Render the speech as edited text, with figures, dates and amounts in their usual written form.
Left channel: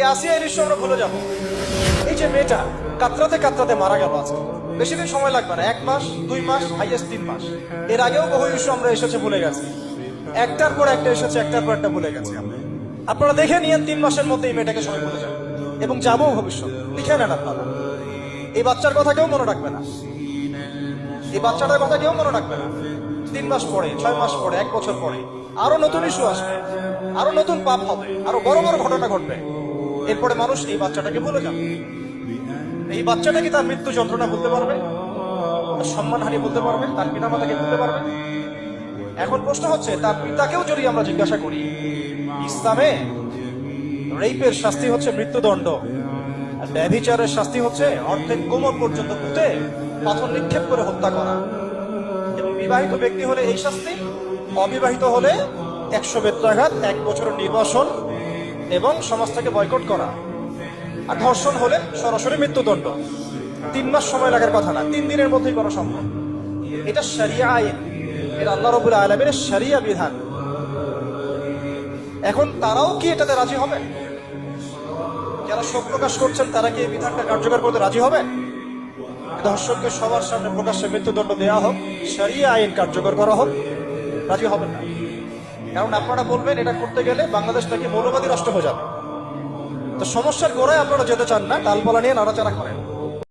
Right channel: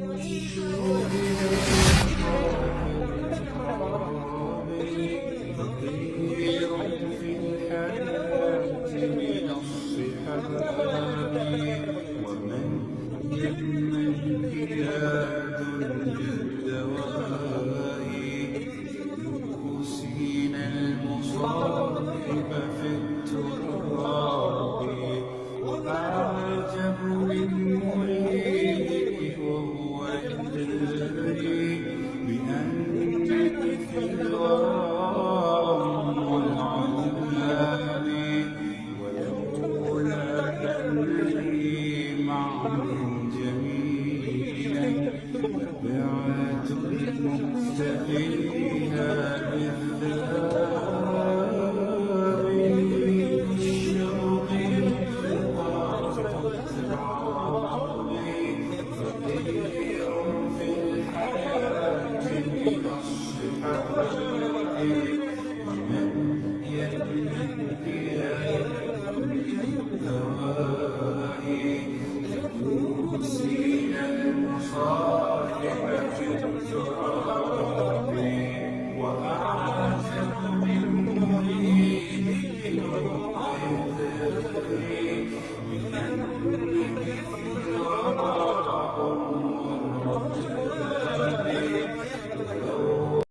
এই আসিয়া এই দৃশ্য আমরা ভুলে যাবো। এই যে মেয়েটা কাতরাতে কাতরাতে মারা গেল আজকে, বেশি দিন সময় লাগবে না, 1 মাস 2 মাস হাইয়েস্ট 3 মাস। এর আগেও বহু ইস্যু আমরা এসেছে ভুলে গেছি, একটার পর একটা এসেছে, একটার পর একটা ভুলে গেছি। আপনারা দেখে নিয়েন 3 মাসের মধ্যে এই মেয়েটাকে সবাই ভুলে যাবে এবং যাবো ভবিষ্যৎ। লিখে নেন আপনারা, এই বাচ্চার কথা কেউ মনে রাখবে না, এই বাচ্চাটার কথা কেউ মনে রাখবে না। 3 মাস পরে, 6 মাস পরে, 1 বছর পরে আরো নতুন ইস্যু আসবে, আরো নতুন পাপ হবে, আরো বড় বড় ঘটনা ঘটবে। এরপরে মানুষ এই বাচ্চাটাকে ভুলে যাবে। এই বাচ্চাটা কি তার মৃত্যু যন্ত্রণা বলতে পারবে, সম্মানহানি বলতে পারবে, তার পিতা মাতাকে বলতে পারবে? এখন প্রশ্ন হচ্ছে, তার পিতাকেও যদি আমরা জিজ্ঞাসা করি, ইসলামে রেপের শাস্তি হচ্ছে মৃত্যুদণ্ড, আর ব্যভিচারের শাস্তি হচ্ছে অর্ধেক কোমর পর্যন্ত পুঁতে পাথর নিক্ষেপ করে হত্যা করা। এবং বিবাহিত ব্যক্তি হলে এই শাস্তি, অবিবাহিত হলে 100 বেত্রাঘাত, 1 বছরের নির্বাসন এবং সমাজ থেকে বয়কট করা। আর ধর্ষণ হলে সরাসরি মৃত্যুদণ্ড। 3 মাস সময় লাগার কথা না, 3 দিনের মধ্যেই করা সম্ভব। এটা শরিয়া আইন, এটা আল্লাহ রাব্বুল আলামিনের শরিয়া বিধান। এখন তারাও কি এটাতে রাজি হবে? যারা শোক প্রকাশ করছেন তারা কি এই বিধানটা কার্যকর করতে রাজি হবে? ধর্ষণকে সবার সামনে প্রকাশ্যে মৃত্যুদণ্ড দেওয়া হোক, শরিয়া আইন কার্যকর করা হোক, রাজি হবেন না। কারণ আপনারা বলবেন এটা করতে গেলে বাংলাদেশ নাকি মৌলবাদী রাষ্ট্র হয়ে যাবে। তো সমস্যার গোড়ায় আপনারা যেতে চান না, ডালপালা নিয়ে নাড়াচাড়া করেন।